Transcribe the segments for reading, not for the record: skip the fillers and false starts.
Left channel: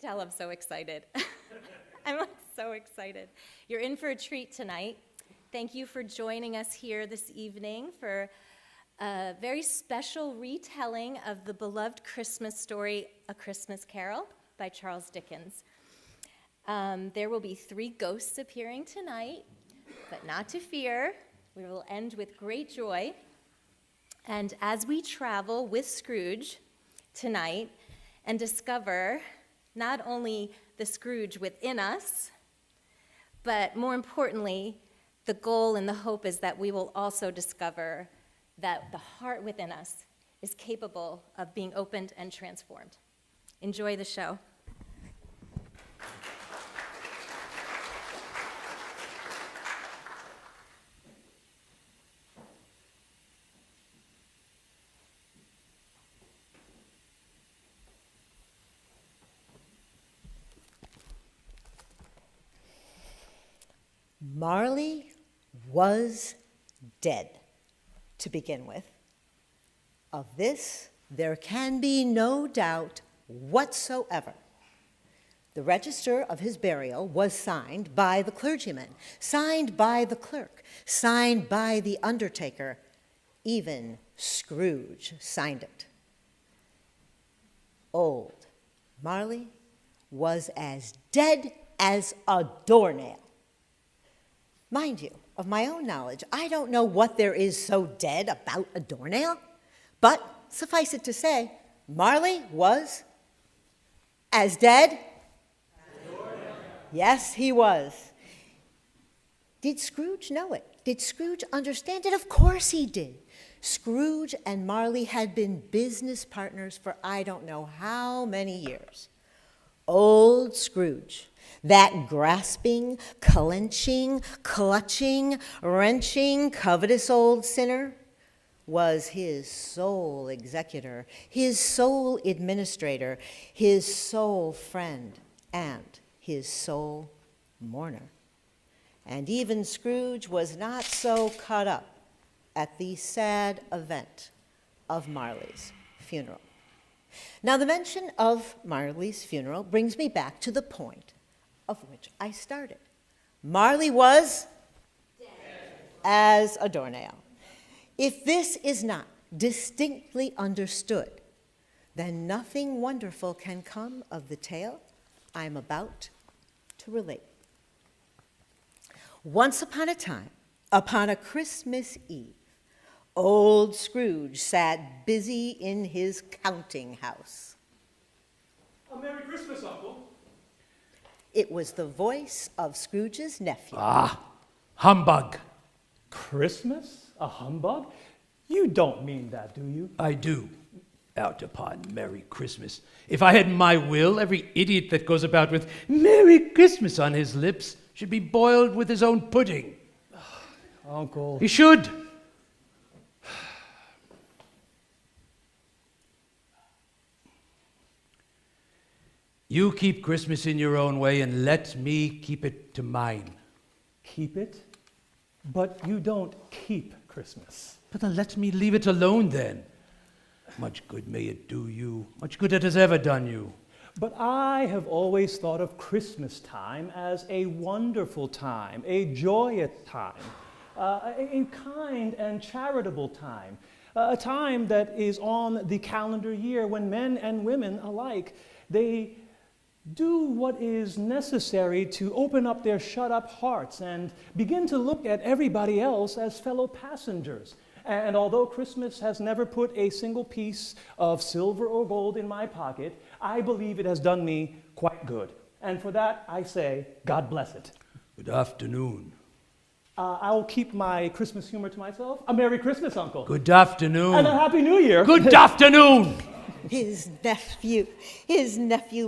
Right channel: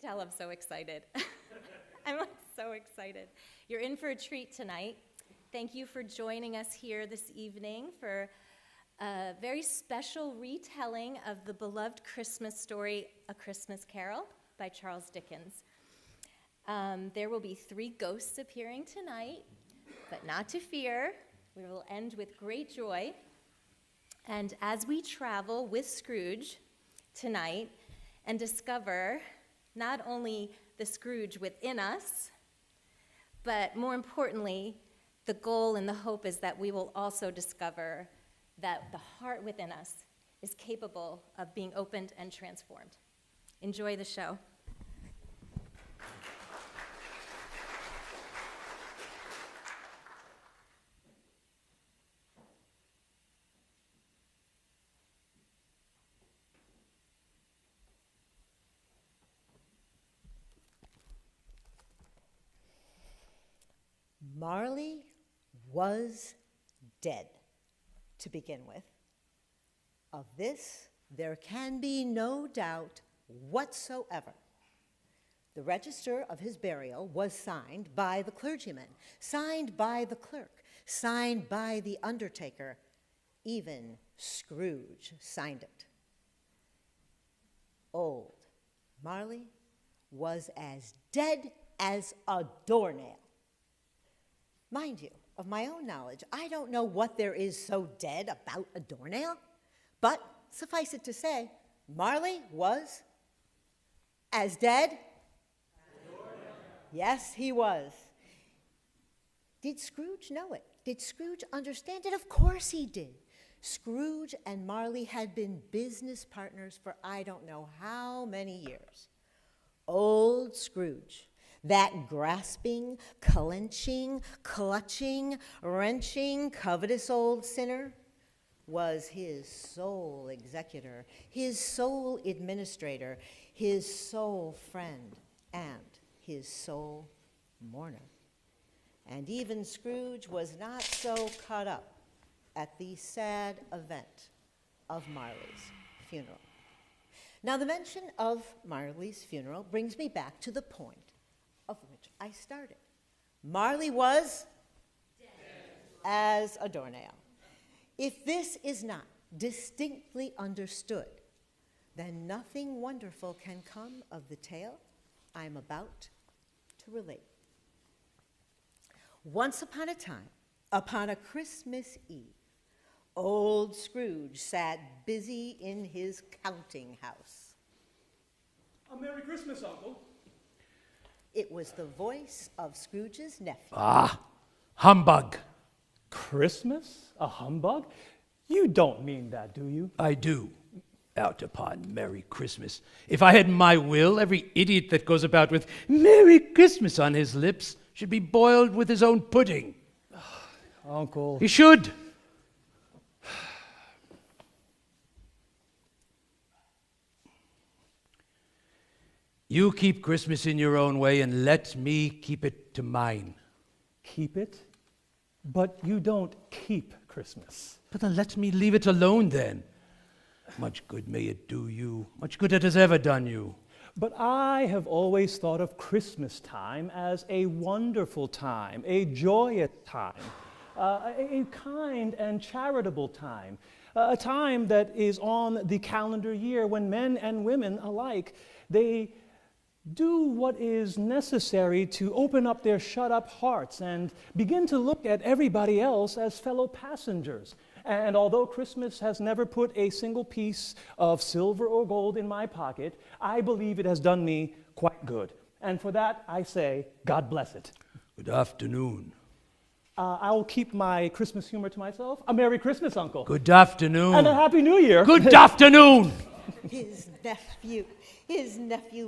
Tell I'm so excited. I'm so excited. You're in for a treat tonight. Thank you for joining us here this evening for a very special retelling of the beloved Christmas story, A Christmas Carol by Charles Dickens. There will be 3 ghosts appearing tonight, but not to fear. We will end with great joy. And as we travel with Scrooge tonight and discover not only the Scrooge within us, but more importantly, the goal and the hope is that we will also discover that the heart within us is capable of being opened and transformed. Enjoy the show. Marley was dead, to begin with. Of this, there can be no doubt whatsoever. The register of his burial was signed by the clergyman, signed by the clerk, signed by the undertaker. Even Scrooge signed it. Old Marley was as dead as a doornail. Mind you, of my own knowledge, I don't know what there is so dead about a doornail, but suffice it to say, Marley was as dead as a doornail. Yes, he was. Did Scrooge know it? Did Scrooge understand it? Of course he did. Scrooge and Marley had been business partners for I don't know how many years. Old Scrooge, that grasping, clenching, clutching, wrenching, covetous old sinner, was his sole executor, his sole administrator, his sole friend, and his sole mourner. And even Scrooge was not so caught up at the sad event of Marley's funeral. Now, the mention of Marley's funeral brings me back to the point of which I started. Marley was dead as a doornail. If this is not distinctly understood, then nothing wonderful can come of the tale I'm about to relate. Once upon a time, upon a Christmas Eve, old Scrooge sat busy in his counting house. A Merry Christmas, Uncle. It was the voice of Scrooge's nephew. Ah, humbug. Christmas? A humbug? You don't mean that, do you? I do. Out upon Merry Christmas. If I had my will, every idiot that goes about with Merry Christmas on his lips should be boiled with his own pudding. Uncle. He should. You keep Christmas in your own way and let me keep it to mine. Keep it? But you don't keep Christmas. But then let me leave it alone then. Much good may it do you, much good it has ever done you. But I have always thought of Christmas time as a wonderful time, a joyous time, a kind and charitable time, a time that is on the calendar year when men and women alike, they do what is necessary to open up their shut-up hearts and begin to look at everybody else as fellow passengers. And although Christmas has never put a single piece of silver or gold in my pocket, I believe it has done me quite good. And for that, I say, God bless it. Good afternoon. I will keep my Christmas humor to myself. A Merry Christmas, Uncle. Good afternoon. And a Happy New Year. Good afternoon. His nephew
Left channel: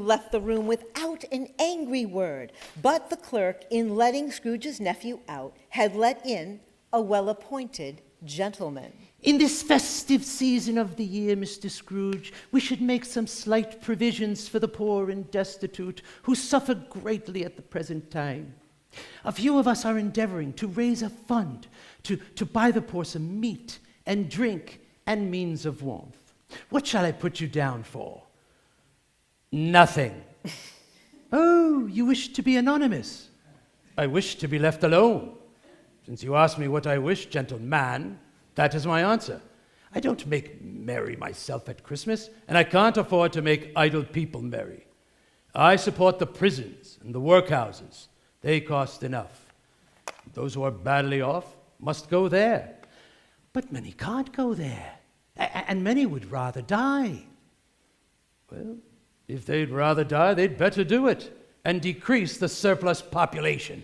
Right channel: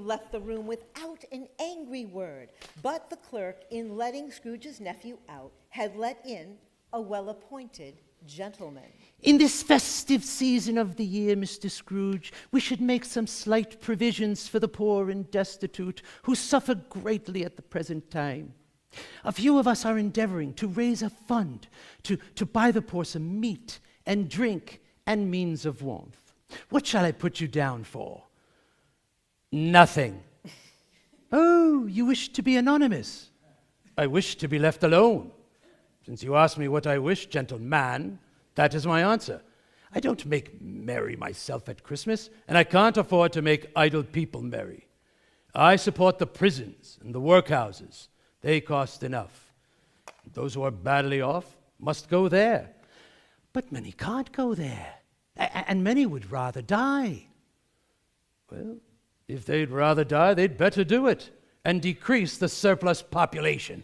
left the room without an angry word, but the clerk, in letting Scrooge's nephew out, had let in a well-appointed gentleman. In this festive season of the year, Mr. Scrooge, we should make some slight provisions for the poor and destitute who suffer greatly at the present time. A few of us are endeavoring to raise a fund to buy the poor some meat and drink and means of warmth. What shall I put you down for? Nothing. Oh, you wish to be anonymous? I wish to be left alone. Since you ask me what I wish, gentleman, that is my answer. I don't make merry myself at Christmas, and I can't afford to make idle people merry. I support the prisons and the workhouses. They cost enough. Those who are badly off must go there. But many can't go there, and many would rather die. Well, if they'd rather die, they'd better do it and decrease the surplus population.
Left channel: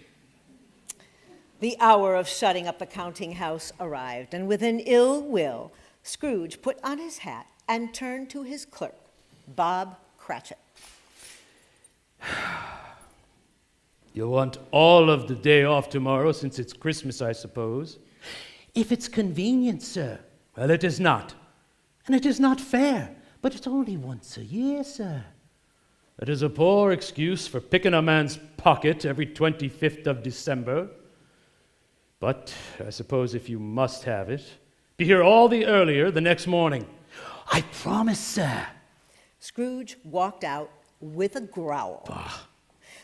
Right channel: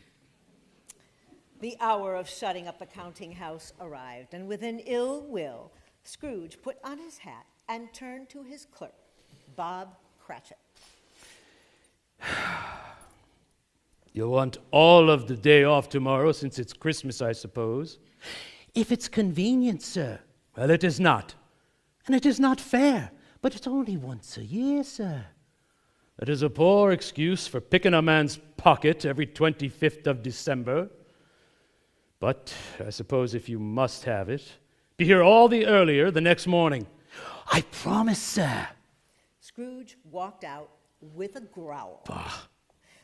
The hour of shutting up the counting house arrived, and with an ill will, Scrooge put on his hat and turned to his clerk, Bob Cratchit. You'll want all of the day off tomorrow, since it's Christmas, I suppose. If it's convenient, sir. Well, it is not. And it is not fair, but it's only once a year, sir. It is a poor excuse for picking a man's pocket every 25th of December. But I suppose if you must have it, be here all the earlier the next morning. I promise, sir. Scrooge walked out with a growl.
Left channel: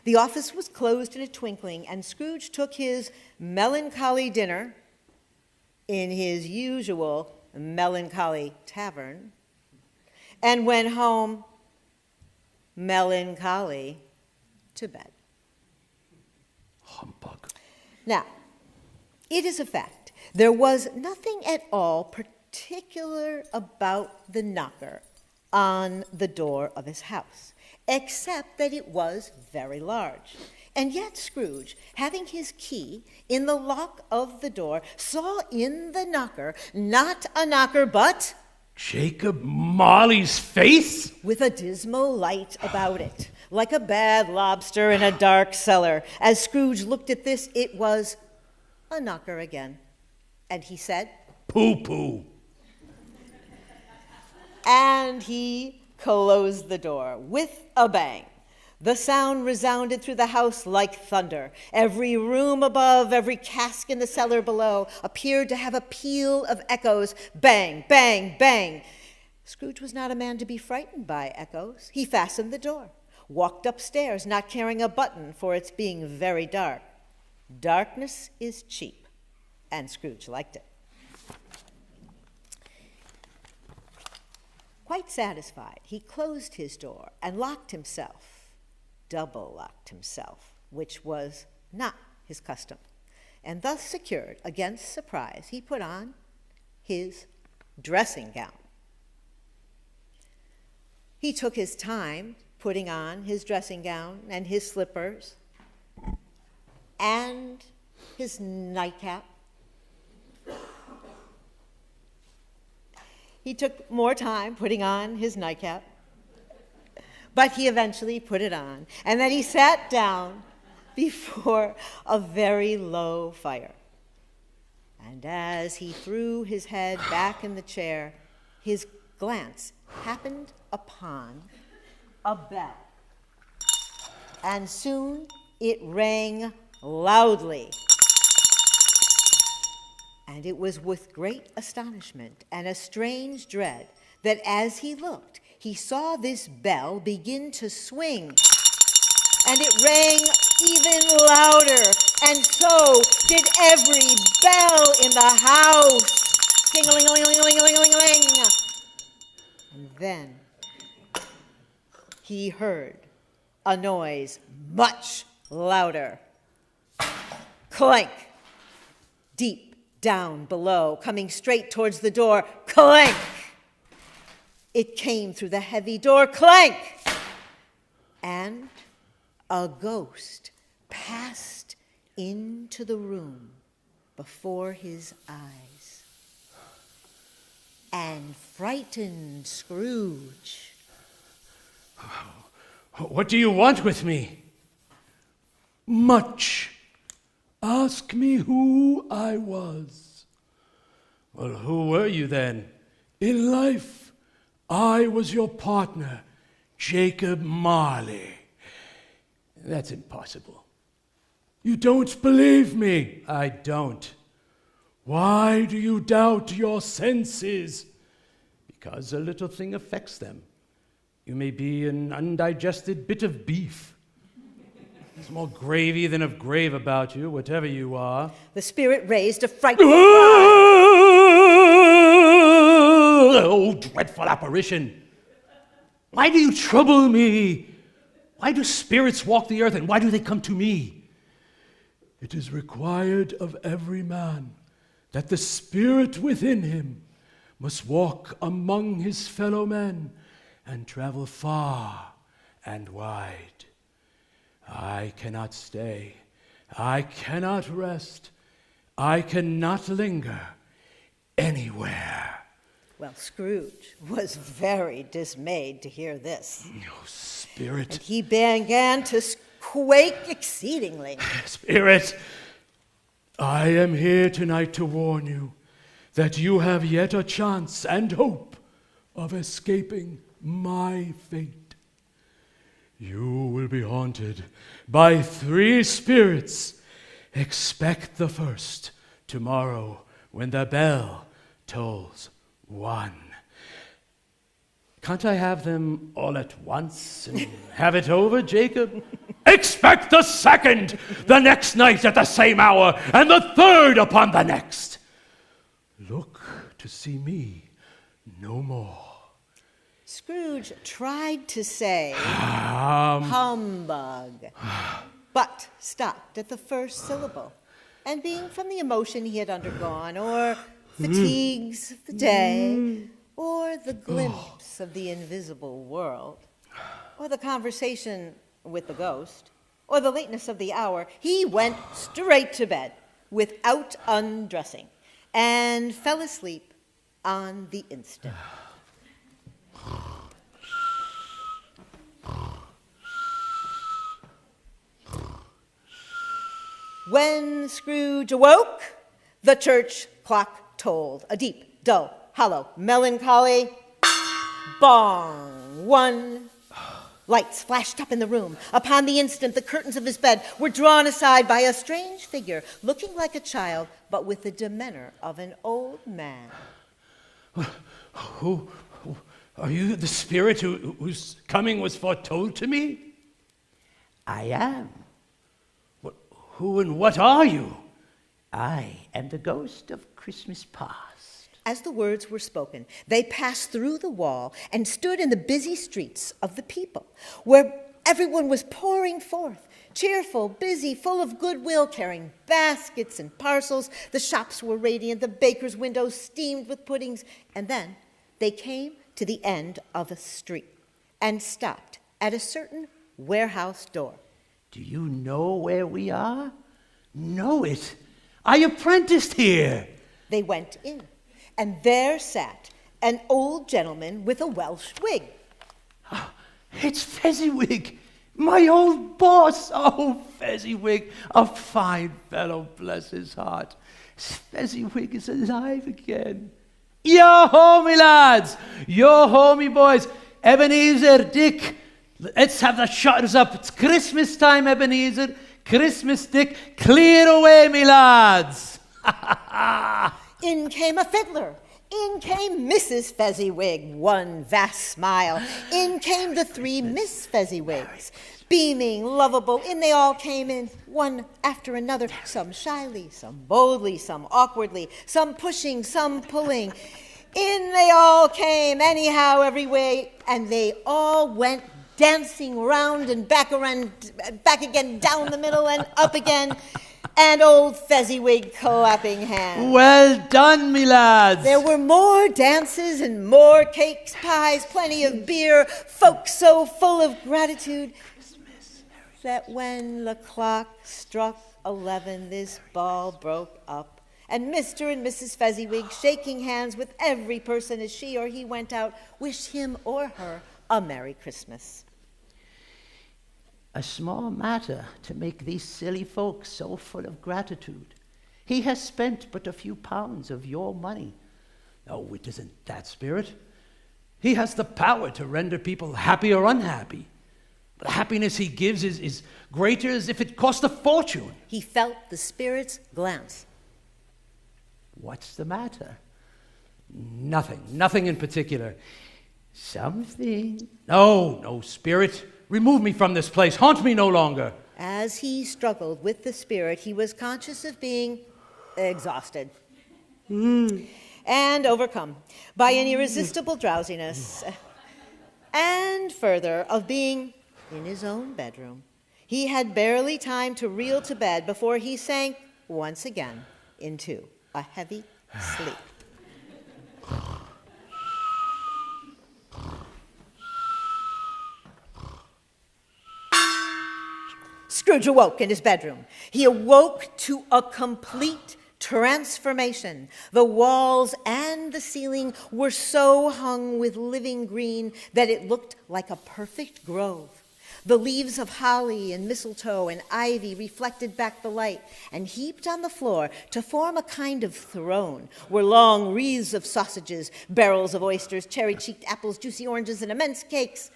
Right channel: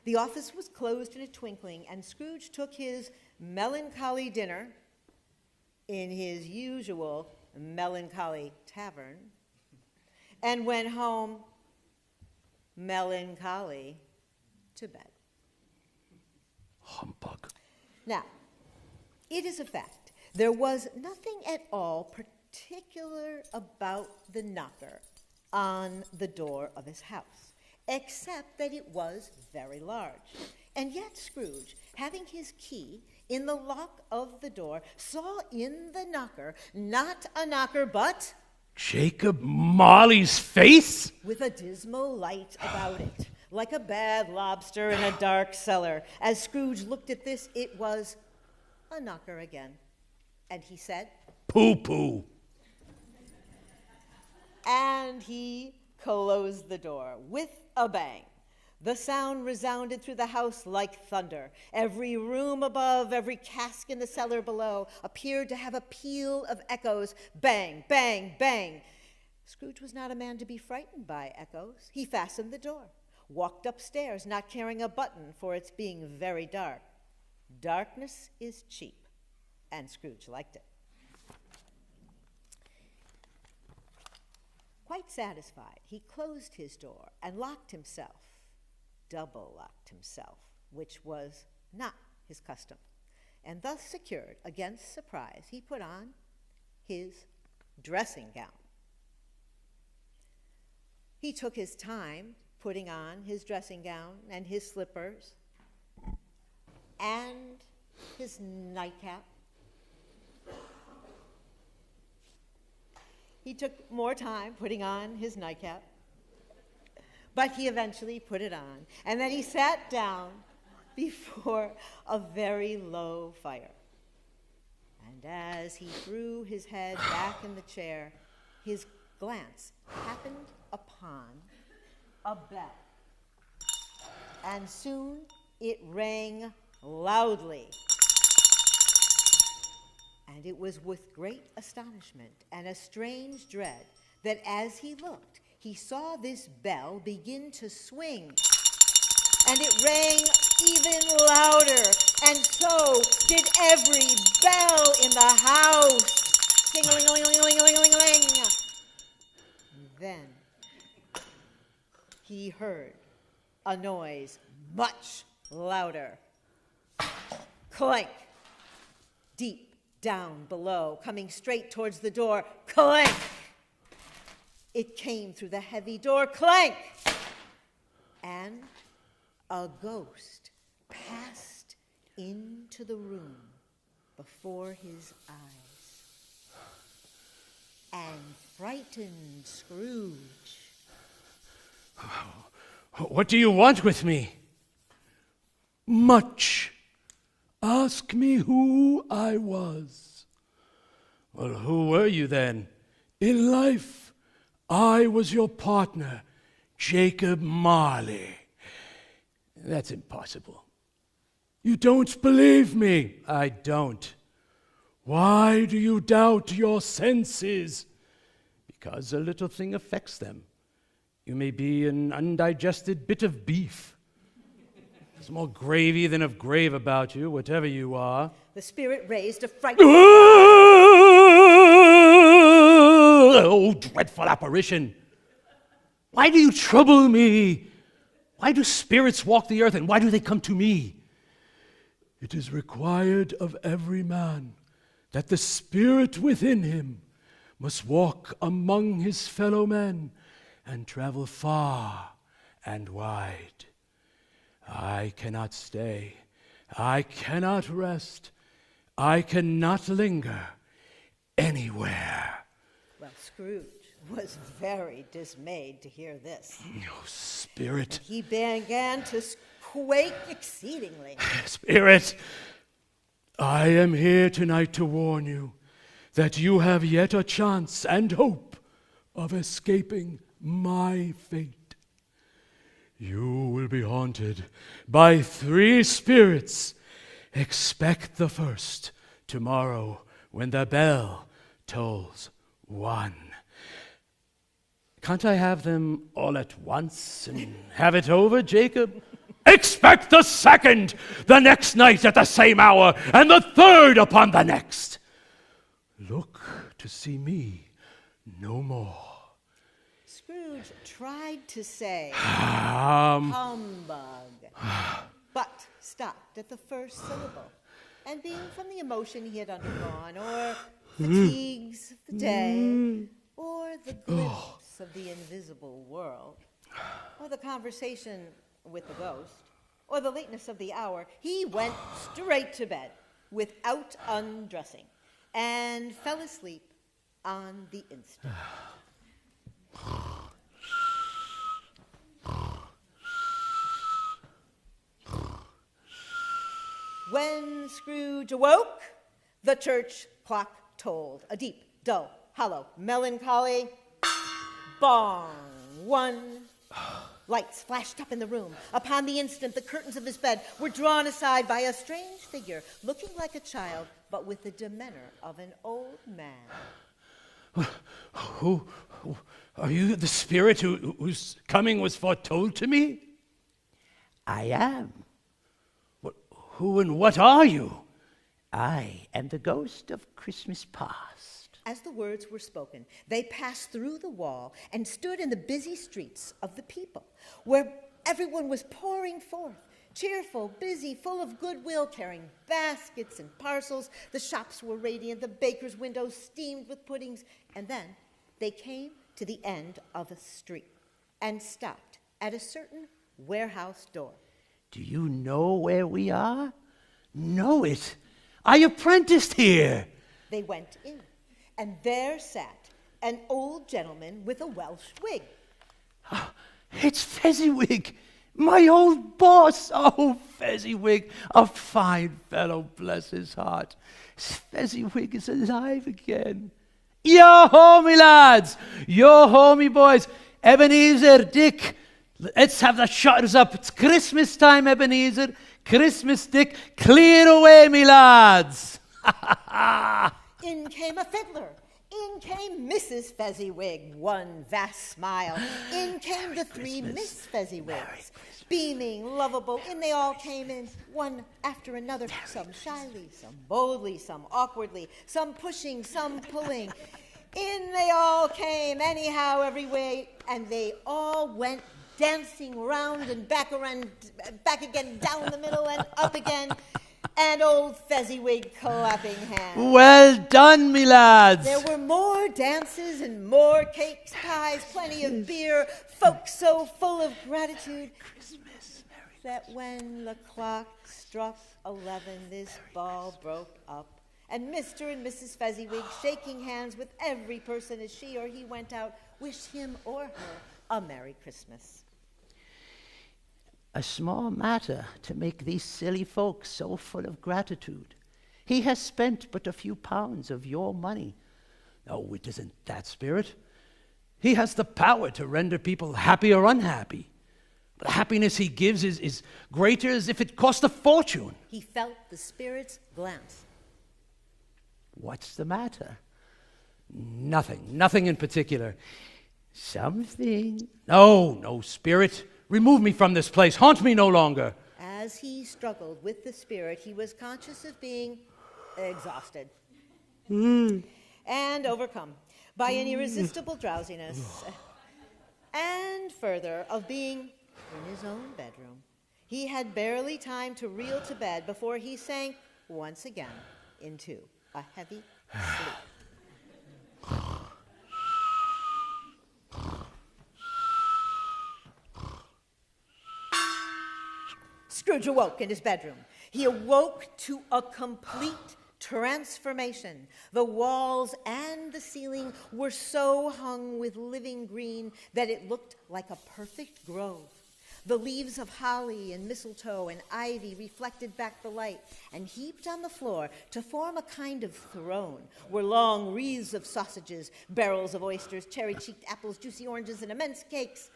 The office was closed in a twinkling, and Scrooge took his melancholy dinner in his usual melancholy tavern and went home melancholy to bed. Humbug. Now, it is a fact, there was nothing at all particular about the knocker on the door of his house, except that it was very large. And yet Scrooge, having his key in the lock of the door, saw in the knocker not a knocker, but Jacob Marley's face? with a dismal light about it, like a bad lobster in a dark cellar. As Scrooge looked at this, it was a knocker again. And he said, Pooh-pooh. and he closed the door with a bang. The sound resounded through the house like thunder. Every room above, every cask in the cellar below appeared to have a peal of echoes. Bang, bang, bang. Scrooge was not a man to be frightened by echoes. He fastened the door, walked upstairs, not caring a button for its being very dark. Darkness is cheap, and Scrooge liked it. Quite satisfied, he closed his door and locked himself, double-locked himself, which was not his custom. And thus secured against surprise, he put on his dressing gown. He took his time putting on his dressing gown and his slippers and his nightcap. He took more time putting on his nightcap, but he eventually put it on, and then he sat down before a very low fire. And as he threw his head back in the chair, his glance happened upon a bell, and soon it rang loudly. And it was with great astonishment and a strange dread that as he looked, he saw this bell begin to swing. And it rang even louder, and so did every bell in the house. Ding-a-ling-a-ling-a-ling-a-ling-a-ling. And then he heard a noise much louder. Clank. Deep down below, coming straight towards the door. Clank! It came through the heavy door. Clank! And a ghost passed into the room before his eyes and frightened Scrooge. What do you want with me? Much. Ask me who I was. Well, who were you then? In life, I was your partner, Jacob Marley. That's impossible. You don't believe me? I don't. Why do you doubt your senses? Because a little thing affects them. You may be an undigested bit of beef, There's more gravy than of grave about you, whatever you are. The spirit raised a frightful cry. Oh, dreadful apparition. Why do you trouble me? Why do spirits walk the earth, and why do they come to me? It is required of every man that the spirit within him must walk among his fellow men and travel far and wide. I cannot stay. I cannot rest. I cannot linger anywhere. Well, Scrooge was very dismayed to hear this. Oh, Spirit. And he began to quake exceedingly. Spirit, I am here tonight to warn you that you have yet a chance and hope of escaping my fate. You will be haunted by 3 spirits. Expect the first tomorrow when the bell tolls 1. Can't I have them all at once and have it over, Jacob? Expect the second the next night at the same hour, and the third upon the next. Look to see me no more. Scrooge tried to say, humbug, but stopped at the first syllable. And being from the emotion he had undergone, or fatigues of the day, or the glimpse of the invisible world, or the conversation with the ghost, or the lateness of the hour, he went straight to bed without undressing and fell asleep on the instant. When Scrooge awoke, the church clock tolled a deep, dull, hollow, melancholy bong. 1. Lights flashed up in the room. Upon the instant, the curtains of his bed were drawn aside by a strange figure, looking like a child, but with the demeanor of an old man. Who are you, the spirit whose coming was foretold to me? I am. Who and what are you? I am the ghost of Christmas past. As the words were spoken, they passed through the wall and stood in the busy streets of the people, where everyone was pouring forth, cheerful, busy, full of goodwill, carrying baskets and parcels. The shops were radiant, the bakers' windows steamed with puddings. And then they came to the end of a street and stopped at a certain warehouse door. Do you know where we are? Know it. I apprenticed here. They went in, and there sat an old gentleman with a Welsh wig. It's Fezziwig, my old boss. Oh, Fezziwig, a fine fellow, bless his heart. Fezziwig is alive again. Yo-ho, me lads. Yo-ho, me boys. Ebenezer, Dick. Let's have the shutters up. It's Christmas time, Ebenezer. Christmas, Dick. Clear away, me lads. In came a fiddler. In came Mrs. Fezziwig, one vast smile. In came the 3 Miss Fezziwigs, beaming, lovable. In they all came in, one after another, some shyly, some boldly, some awkwardly, some pushing, some pulling. In they all came, anyhow, every way, and they all went dancing round and back again, down the middle and up again, and old Fezziwig clapping hands. Well done, me lads. There were more dances and more cakes, pies, plenty of beer, folks so full of gratitude that when the clock struck 11, this ball broke up, and Mr. and Mrs. Fezziwig, shaking hands with every person as she or he went out, wished him or her a Merry Christmas. A small matter to make these silly folks so full of gratitude. He has spent but a few pounds of your money. No, it isn't that, Spirit. He has the power to render people happy or unhappy. But the happiness he gives is greater as if it cost a fortune. He felt the spirit's glance. What's the matter? Nothing in particular. Something. No, Spirit. Remove me from this place. Haunt me no longer. As he struggled with the spirit, he was conscious of being exhausted and overcome by an irresistible drowsiness, and further, of being in his own bedroom. He had barely time to reel to bed before he sank once again into a heavy sleep. Scrooge awoke in his bedroom. He awoke to a complete transformation. The walls and the ceiling were so hung with living green that it looked like a perfect grove. The leaves of holly and mistletoe and ivy reflected back the light, and heaped on the floor to form a kind of throne were long wreaths of sausages, barrels of oysters, cherry-cheeked apples, juicy oranges, and immense cakes.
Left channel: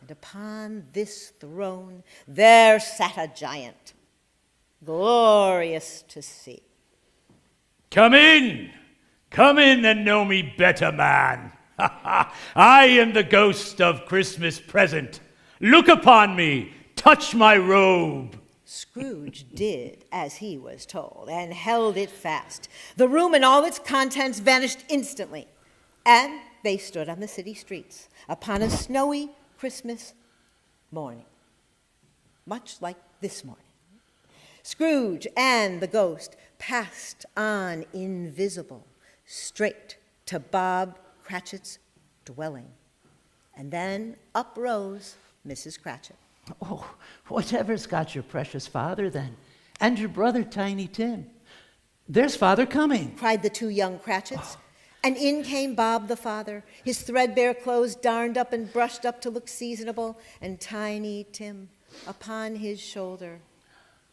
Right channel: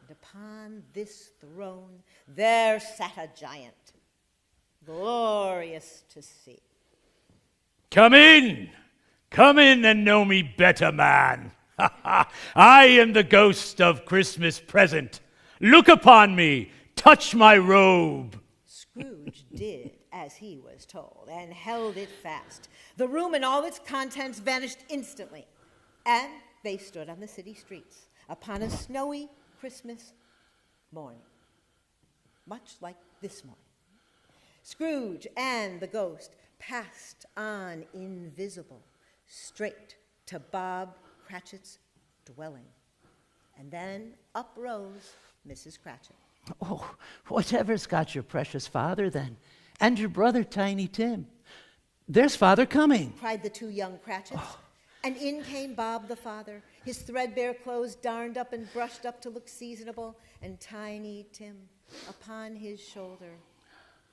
And upon this throne there sat a giant, glorious to see. Come in and know me better, man. I am the ghost of Christmas present. Look upon me, touch my robe. Scrooge did as he was told and held it fast. The room and all its contents vanished instantly, and they stood on the city streets upon a snowy Christmas morning, much like this morning. Scrooge and the ghost passed on invisible, straight to Bob Cratchit's dwelling. And then up rose Mrs. Cratchit. Oh, whatever's got your precious father then, and your brother Tiny Tim? There's father coming, cried the two young Cratchits. And in came Bob the father, his threadbare clothes darned up and brushed up to look seasonable, and Tiny Tim upon his shoulder.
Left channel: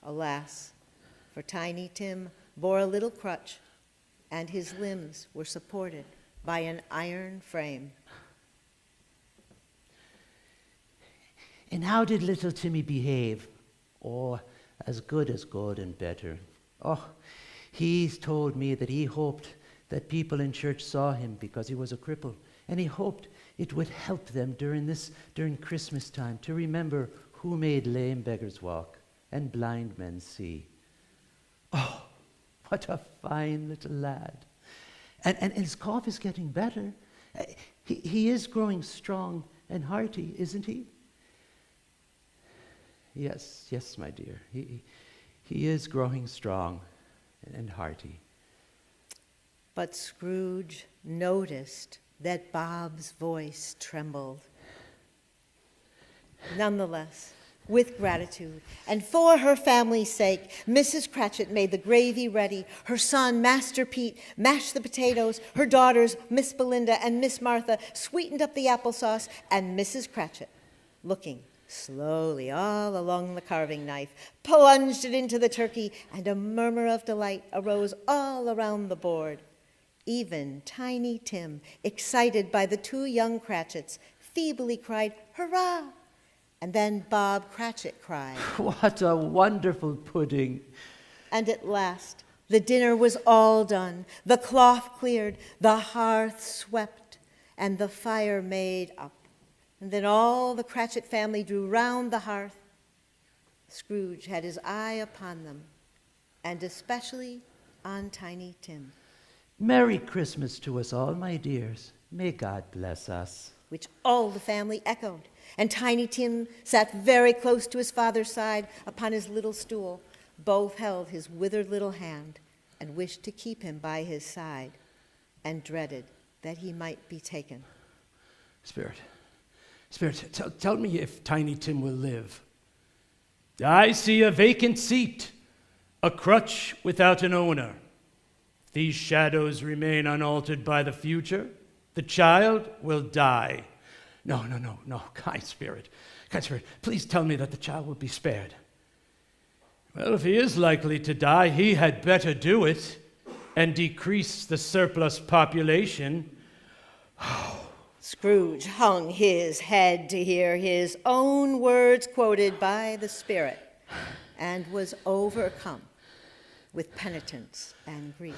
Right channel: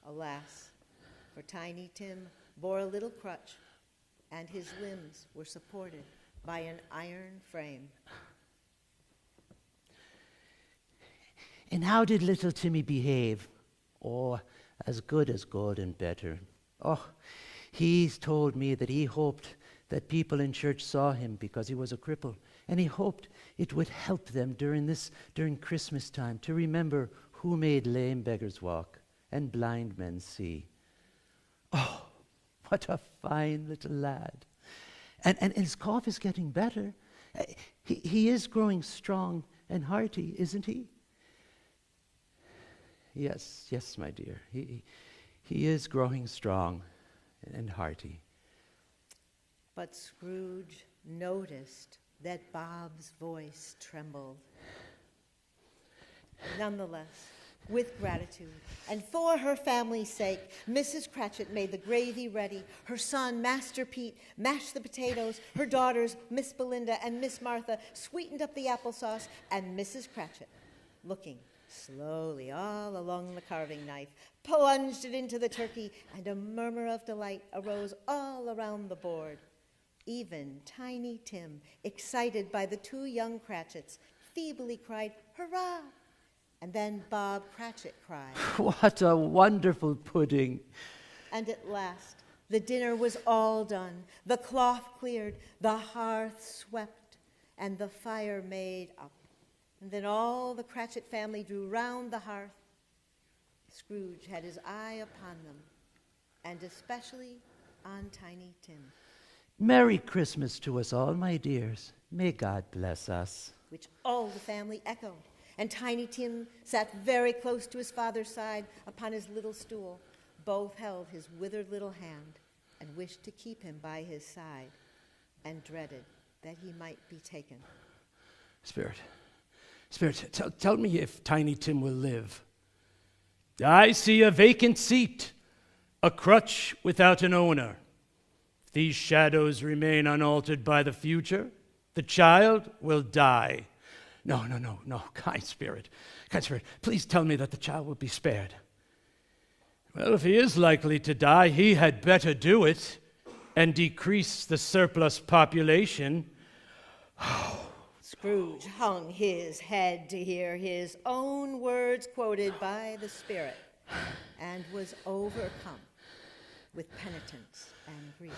Alas, for Tiny Tim bore a little crutch, and his limbs were supported by an iron frame. And how did little Timmy behave? Oh, as good and better. Oh, he's told me that he hoped that people in church saw him because he was a cripple, and he hoped it would help them during Christmas time to remember who made lame beggars walk and blind men see. Oh, what a fine little lad. And his cough is getting better. He is growing strong and hearty, isn't he? Yes, my dear. He is growing strong and hearty. But Scrooge noticed that Bob's voice trembled. Nonetheless, with gratitude, and for her family's sake, Mrs. Cratchit made the gravy ready. Her son, Master Pete, mashed the potatoes. Her daughters, Miss Belinda and Miss Martha, sweetened up the applesauce. And Mrs. Cratchit, looking slowly all along the carving knife, plunged it into the turkey, and a murmur of delight arose all around the board. Even Tiny Tim, excited by the two young Cratchits, feebly cried, "Hurrah!" And then Bob Cratchit cried, What a wonderful pudding. And at last, the dinner was all done, the cloth cleared, the hearth swept, and the fire made up. And then all the Cratchit family drew round the hearth. Scrooge had his eye upon them, and especially on Tiny Tim, Merry Christmas to us all, my dears. May God bless us. which all the family echoed. And Tiny Tim sat very close to his father's side upon his little stool. Both held his withered little hand and wished to keep him by his side, and dreaded that he might be taken. Spirit, tell me if Tiny Tim will live. I see a vacant seat, a crutch without an owner. These shadows remain unaltered by the future. The child will die. No, kind spirit, please tell me that the child will be spared. Well, if he is likely to die, he had better do it and decrease the surplus population. Scrooge hung his head to hear his own words quoted by the Spirit, and was overcome with penitence and grief.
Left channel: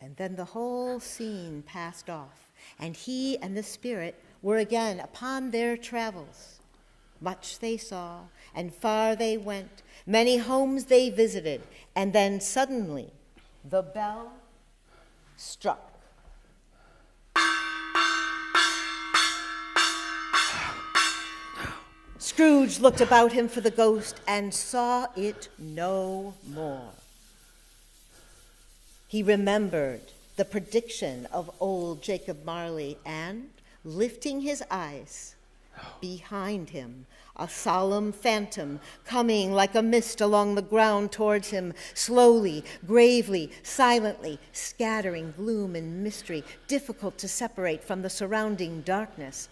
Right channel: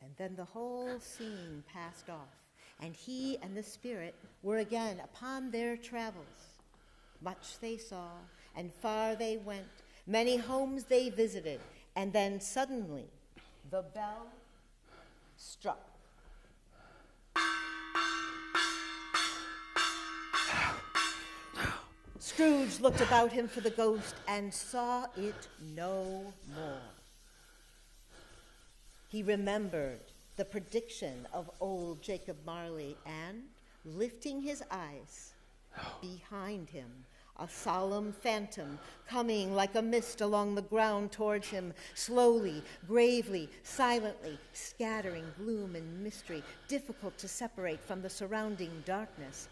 And then the whole scene passed off, and he and the Spirit were again upon their travels. Much they saw, and far they went. Many homes they visited, and then suddenly the bell struck. Scrooge looked about him for the ghost and saw it no more. He remembered the prediction of old Jacob Marley, and, lifting his eyes, behind him, a solemn phantom coming like a mist along the ground towards him, slowly, gravely, silently, scattering gloom and mystery, difficult to separate from the surrounding darkness.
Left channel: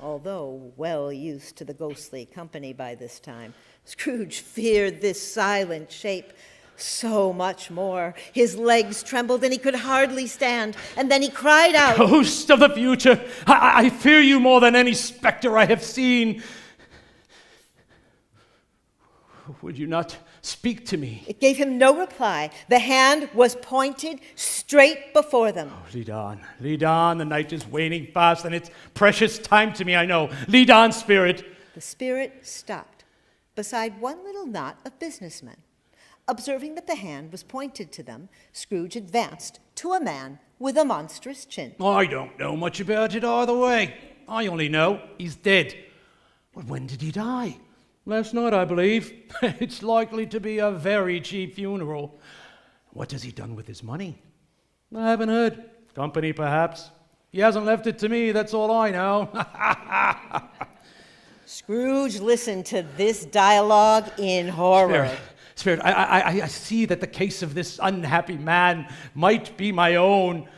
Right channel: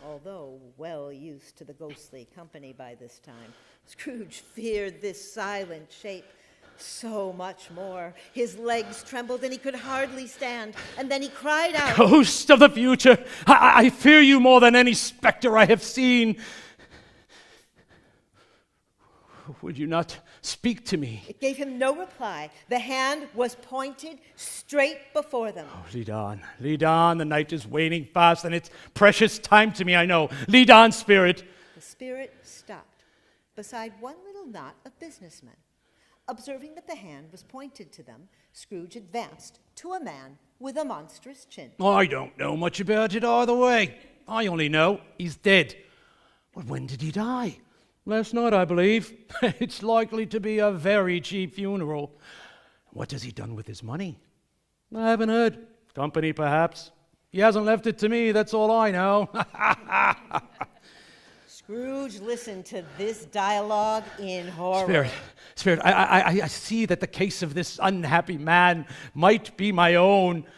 Although well used to the ghostly company by this time, Scrooge feared this silent shape so much more. His legs trembled and he could hardly stand, and then he cried out, Ghost of the future, I fear you more than any specter I have seen. Would you not speak to me? It gave him no reply. The hand was pointed straight before them. Oh, lead on, the night is waning fast, and it's precious time to me, I know. Lead on, spirit. The spirit stopped beside one little knot of businessmen. Observing that the hand was pointed to them, Scrooge advanced to a man with a monstrous chin. I don't know much about it either way. I only know he's dead. But when did he die? Last night, I believe. It's likely to be a very cheap funeral. What has he done with his money? I haven't heard. Company, perhaps. He hasn't left it to me, that's all I know. Scrooge listened to this dialogue in horror. Spirit, I see that the case of this unhappy man might be my own.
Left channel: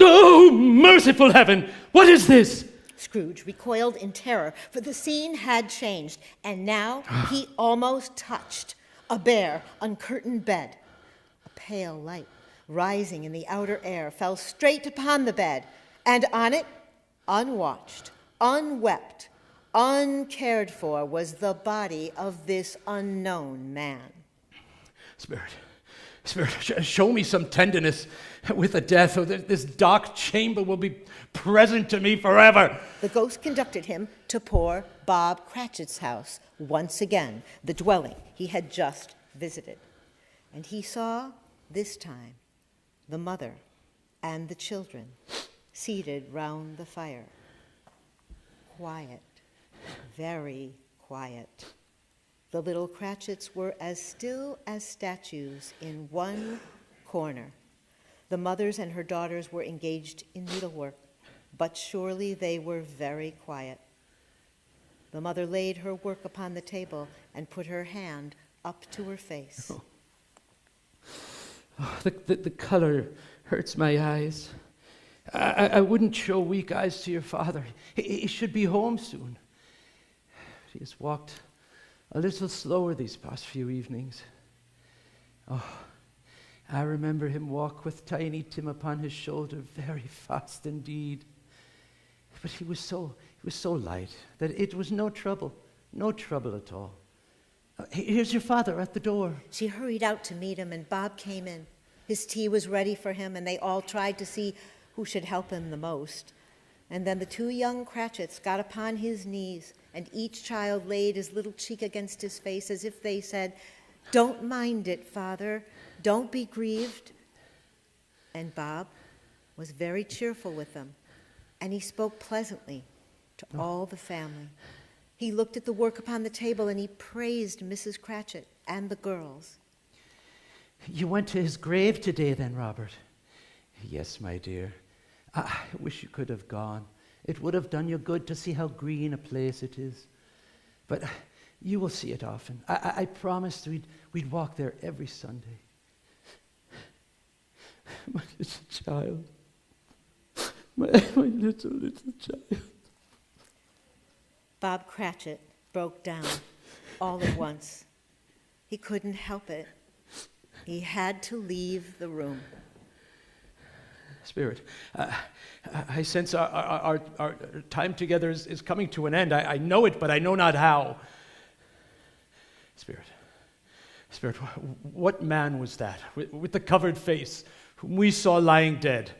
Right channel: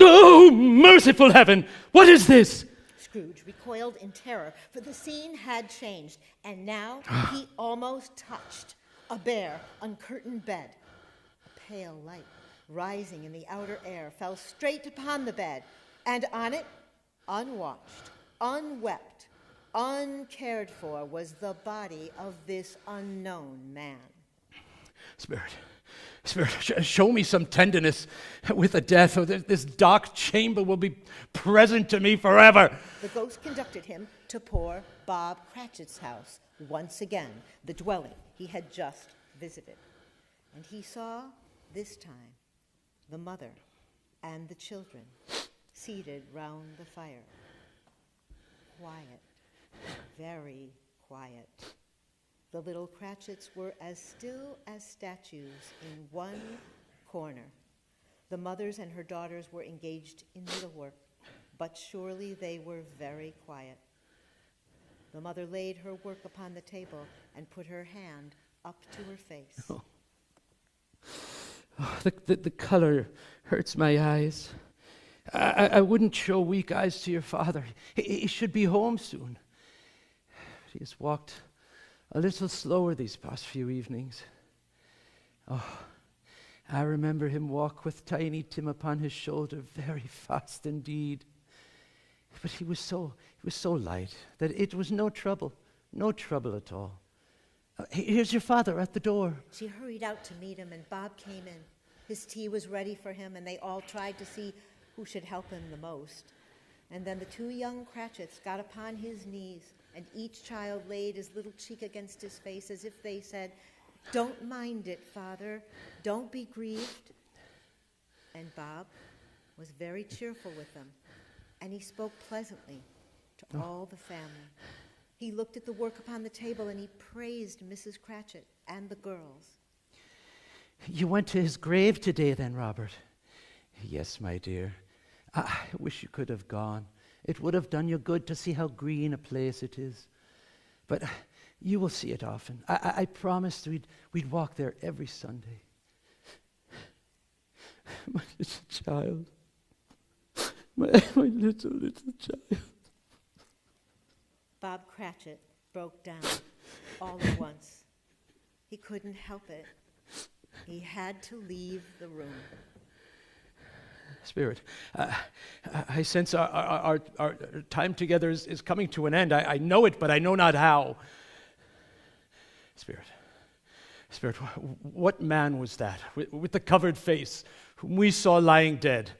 Oh, merciful heaven! What is this? Scrooge recoiled in terror, for the scene had changed, and now he almost touched a bare, uncurtained bed. A pale light, rising in the outer air, fell straight upon the bed, and on it, unwatched, unwept, uncared for, was the body of this unknown man. Spirit, show me some tenderness with the death, or this dark chamber will be present to me forever. The ghost conducted him to poor Bob Cratchit's house, once again, the dwelling he had just visited. And he saw, this time, the mother and the children seated round the fire. Quiet, very quiet. The little Cratchits were as still as statues in one corner. The mothers and her daughters were engaged in needlework, but surely they were very quiet. The mother laid her work upon the table and put her hand up to her face. Oh, the color hurts my eyes. I wouldn't show weak eyes to your father. He should be home soon. He has walked a little slower these past few evenings. Oh, I remember him walk with Tiny Tim upon his shoulder very fast indeed. But he was so light that it was no trouble at all. Here's your father at the door. She hurried out to meet him, and Bob came in. His tea was ready for him, and they all tried to see who should help him the most. And then the two young Cratchits got upon his knees, and each child laid his little cheek against his face as if they said, "Don't mind it, Father. Don't be grieved." And Bob was very cheerful with them, and he spoke pleasantly to all the family. He looked at the work upon the table, and he praised Mrs. Cratchit and the girls. You went to his grave today then, Robert? Yes, my dear. I wish you could have gone. It would have done you good to see how green a place it is. But you will see it often. I promised we'd walk there every Sunday. My little child. My little child. Bob Cratchit broke down all at once. He couldn't help it. He had to leave the room. Spirit, I sense our time together is coming to an end. I know it, but I know not how. Spirit, what man was that with the covered face whom we saw lying dead?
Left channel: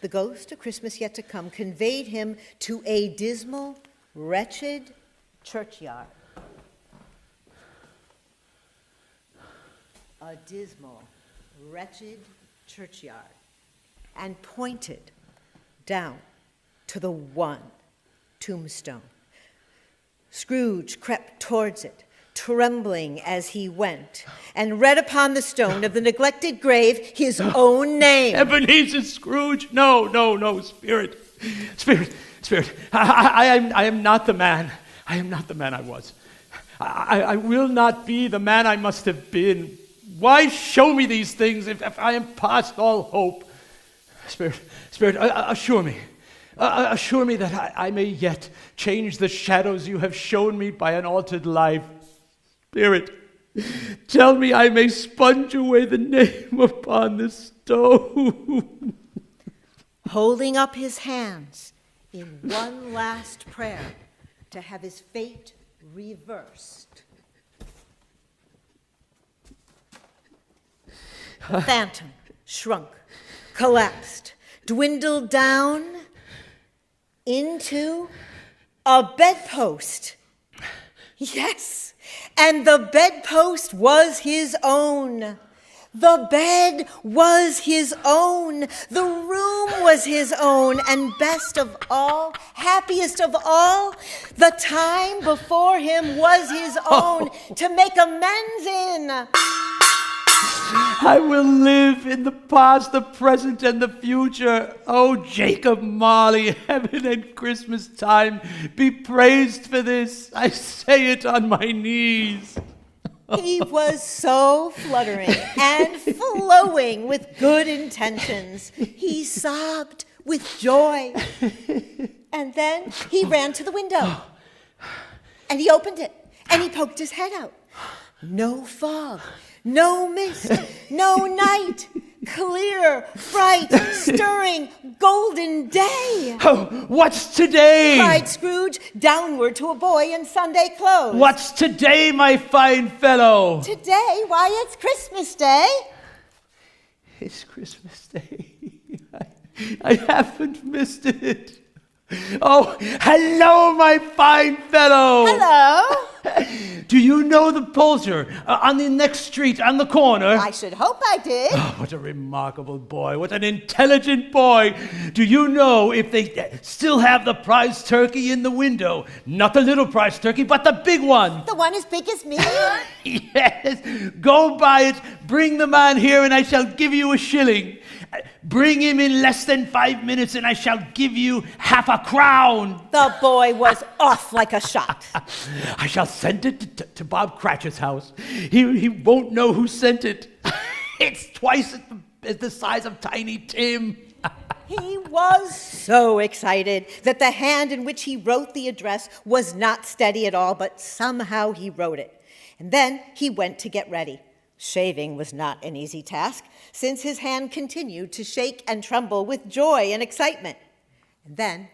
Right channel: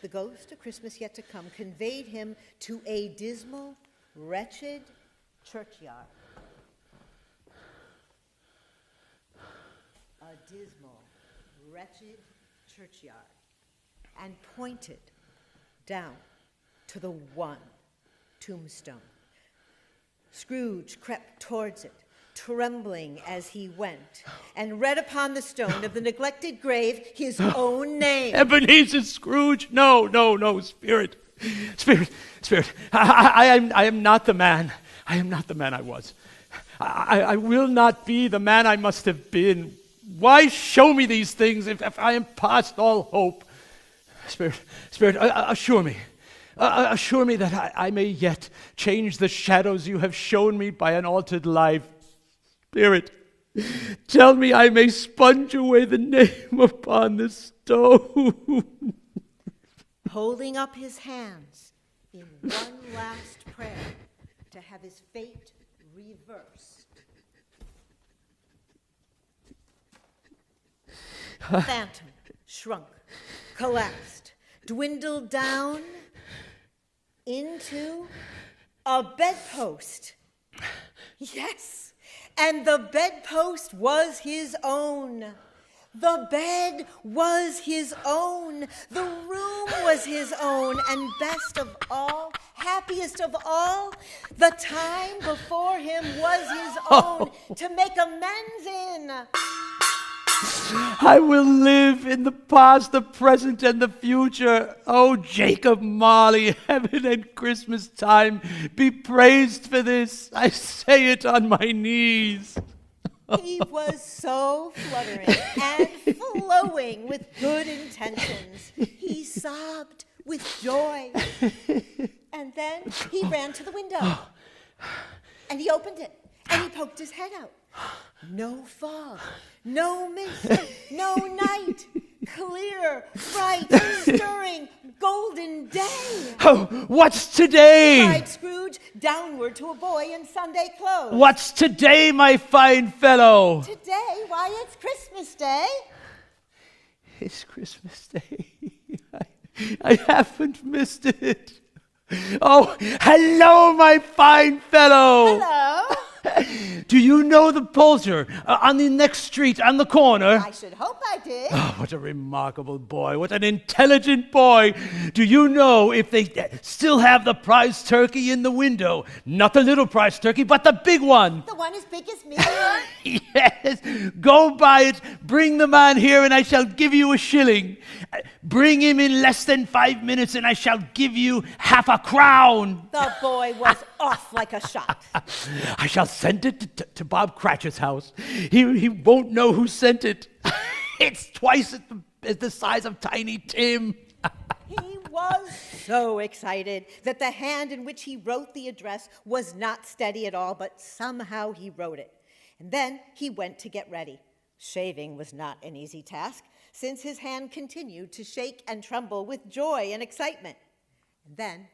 the ghost of Christmas yet to come conveyed him to a dismal, wretched churchyard. A dismal, wretched churchyard, and pointed down to the one tombstone. Scrooge crept towards it, trembling as he went, and read upon the stone of the neglected grave his own name. Ebenezer Scrooge. No, Spirit. I am not the man. I am not the man I was. I will not be the man I must have been. Why show me these things if I am past all hope? Spirit, assure me. Assure me that I may yet change the shadows you have shown me by an altered life. Spirit, tell me I may sponge away the name upon the stone. Holding up his hands in one last prayer to have his fate reversed, the phantom shrunk, collapsed, dwindled down into a bedpost. Yes, and the bedpost was his own. The bed was his own. The room was his own. And best of all, happiest of all, the time before him was his own to make amends in. I will live in the past, the present, and the future. Oh, Jacob Marley, heaven and Christmas time, be praised for this. I say it on my knees. He was so fluttering and flowing with good intentions. He sobbed with joy. And then he ran to the window. And he opened it. And he poked his head out. No fog. No mist, no night, clear, bright, stirring, golden day. Oh, what's today? Cried Scrooge downward to a boy in Sunday clothes. What's today, my fine fellow? Today? Why, it's Christmas Day. It's Christmas Day. I haven't missed it. Oh, hello, my fine fellow. Hello. Do you know the poulterer on the next street on the corner? I should hope I did. Oh, what a remarkable boy. What an intelligent boy. Do you know if they still have the prize turkey in the window? Not the little prize turkey, but the big one. The one as big as me? Yes. Go buy it, bring the man here, and I shall give you a shilling. Bring him in less than 5 minutes, and I shall give you half a crown. The boy was off like a shot. I shall send it to Bob Cratchit's house. He won't know who sent it. It's twice as the size of Tiny Tim. He was so excited that the hand in which he wrote the address was not steady at all, but somehow he wrote it. And then he went to get ready. Shaving was not an easy task, since his hand continued to shake and tremble with joy and excitement. And then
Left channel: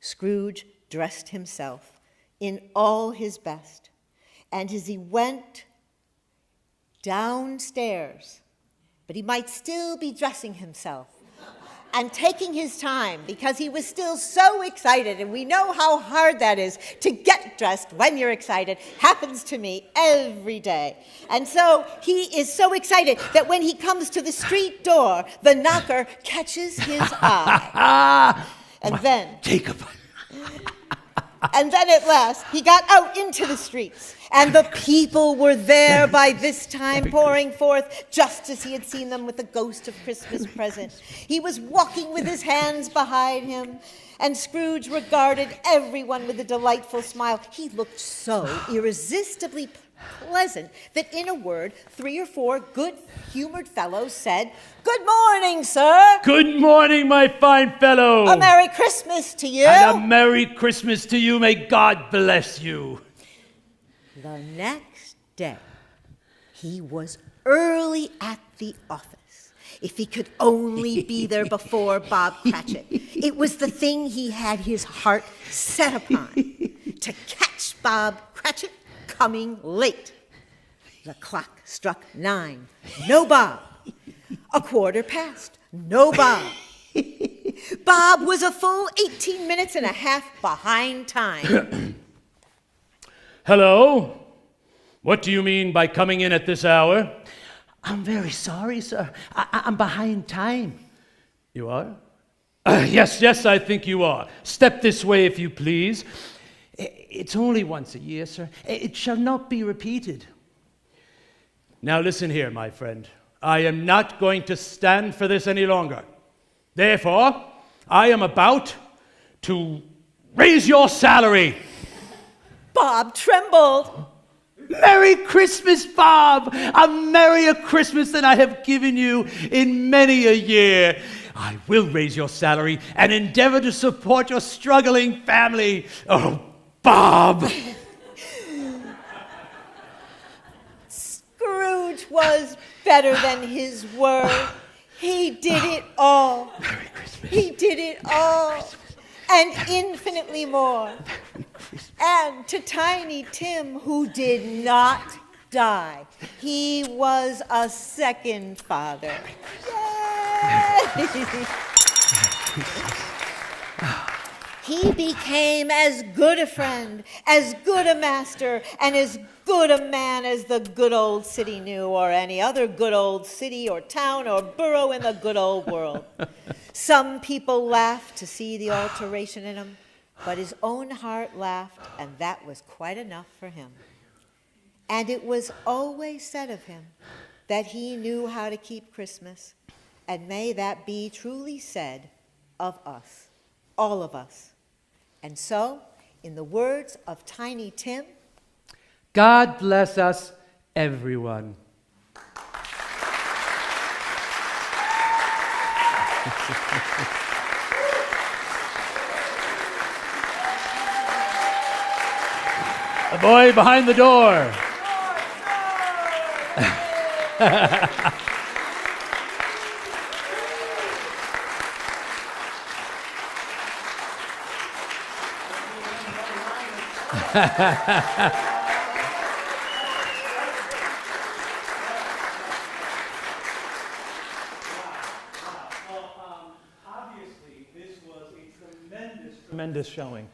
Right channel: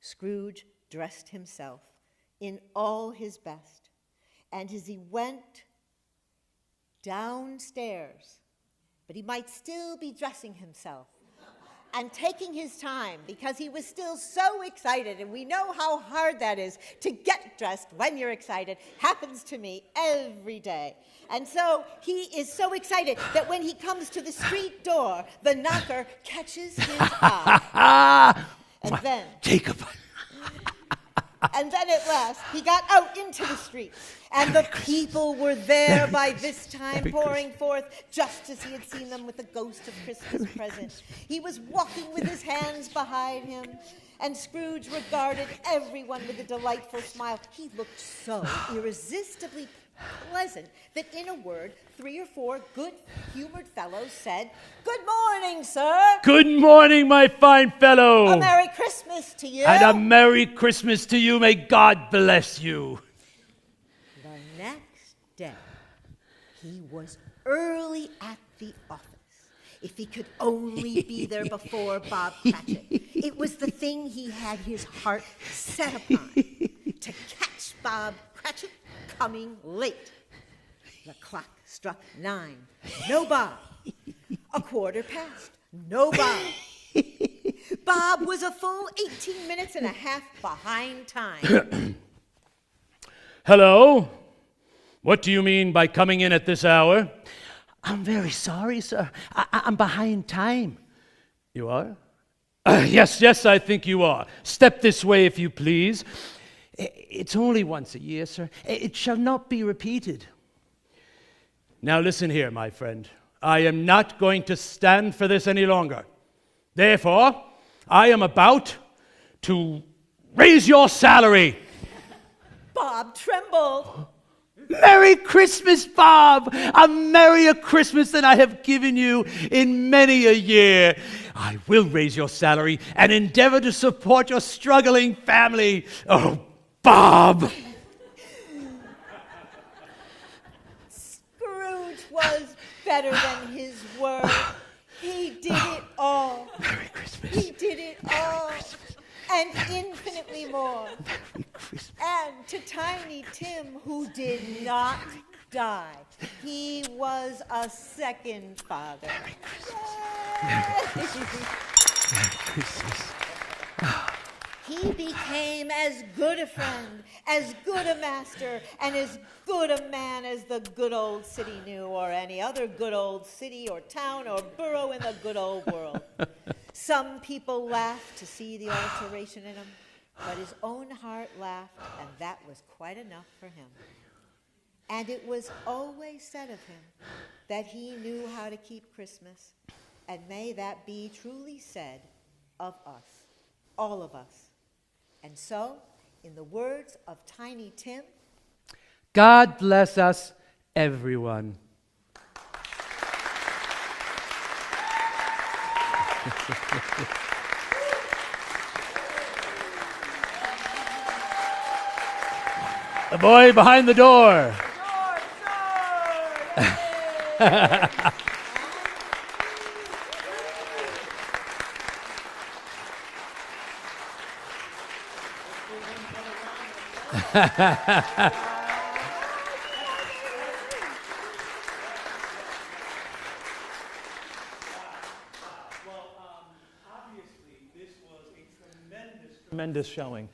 Scrooge dressed himself in all his best, and as he went downstairs, but he might still be dressing himself and taking his time because he was still so excited, and we know how hard that is to get dressed when you're excited. Happens to me every day. And so he is so excited that when he comes to the street door, the knocker catches his eye. And then Jacob. And then at last, he got out into the streets, and the people were there by this time, pouring forth just as he had seen them with the ghost of Christmas present. He was walking with his hands behind him, and Scrooge regarded everyone with a delightful smile. He looked so irresistibly pleasant that, in a word, 3 or 4 good-humored fellows said, "Good morning, sir." Good morning, my fine fellow. "A Merry Christmas to you." And a Merry Christmas to you. May God bless you. The next day, he was early at the office. If he could only be there before Bob Cratchit. It was the thing he had his heart set upon, to catch Bob Cratchit coming late. The clock struck 9. No Bob. 1/4 past. No Bob. Bob was a full 18 minutes and a half behind time. Hello? What do you mean by coming in at this hour? I'm very sorry, sir. I'm behind time. You are? Yes, I think you are. Step this way, if you please. It's only once a year, sir. It shall not be repeated. Now listen here, my friend. I am not going to stand for this any longer. Therefore, I am about to raise your salary. Bob trembled. Merry Christmas, Bob! A merrier Christmas than I have given you in many a year. I will raise your salary and endeavor to support your struggling family. Oh, Bob! Scrooge was better than his word. He did it all. Merry Christmas. He did it all. And infinitely more. And to Tiny Tim, who did not die. He was a second father. Yay! He became as good a friend, as good a master, and as good a man as the good old city knew, or any other good old city or town or borough in the good old world. Some people laughed to see the alteration in him, but his own heart laughed, and that was quite enough for him. And it was always said of him that he knew how to keep Christmas, and may that be truly said of us, all of us. And so, in the words of Tiny Tim, God bless us, everyone. The boy behind the door. Obviously, this was a tremendous showing.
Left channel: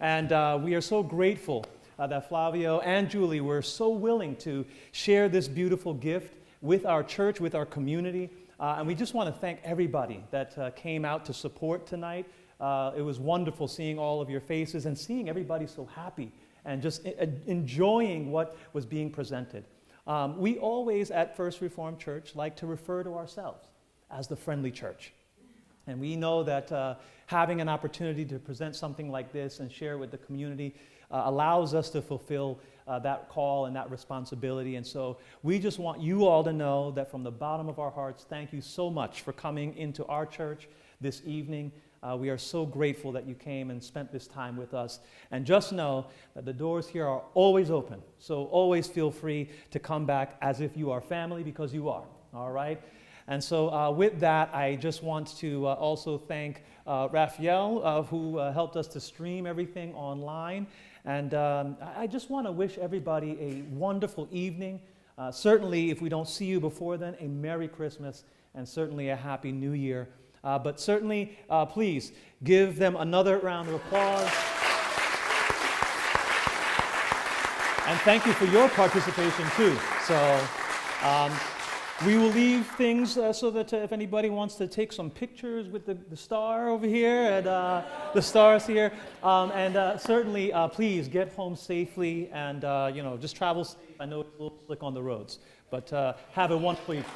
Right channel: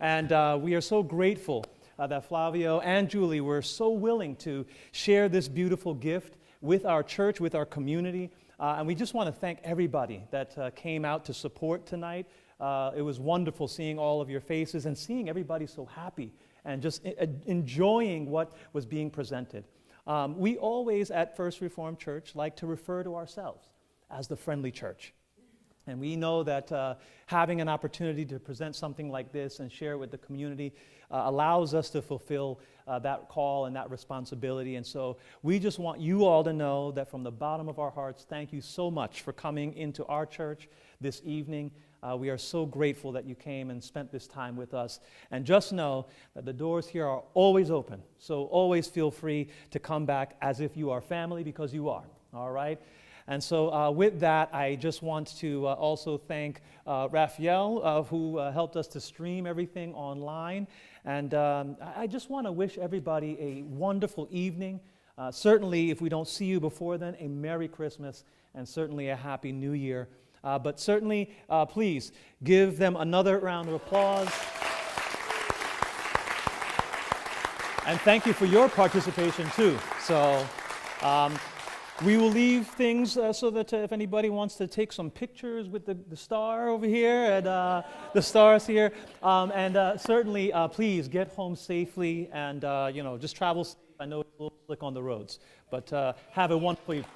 And we are so grateful that Flavio and Julie were so willing to share this beautiful gift with our church, with our community. And we just want to thank everybody that came out to support tonight. It was wonderful seeing all of your faces and seeing everybody so happy and just enjoying what was being presented. We always at First Reformed Church like to refer to ourselves as the friendly church. And we know that having an opportunity to present something like this and share with the community allows us to fulfill that call and that responsibility. And so we just want you all to know that from the bottom of our hearts, thank you so much for coming into our church this evening. We are so grateful that you came and spent this time with us. And just know that the doors here are always open. So always feel free to come back as if you are family, because you are, all right? And so with that, I just want to also thank Raphael, who helped us to stream everything online. And I just want to wish everybody a wonderful evening. Certainly, if we don't see you before then, a Merry Christmas and certainly a Happy New Year. But certainly, please give them another round of applause. And thank you for your participation too. So we will leave things so that if anybody wants to take some pictures with the star over here and the stars here, and certainly please get home safely and just travel safe. I know it's a little slick on the roads, but have a wonderful evening.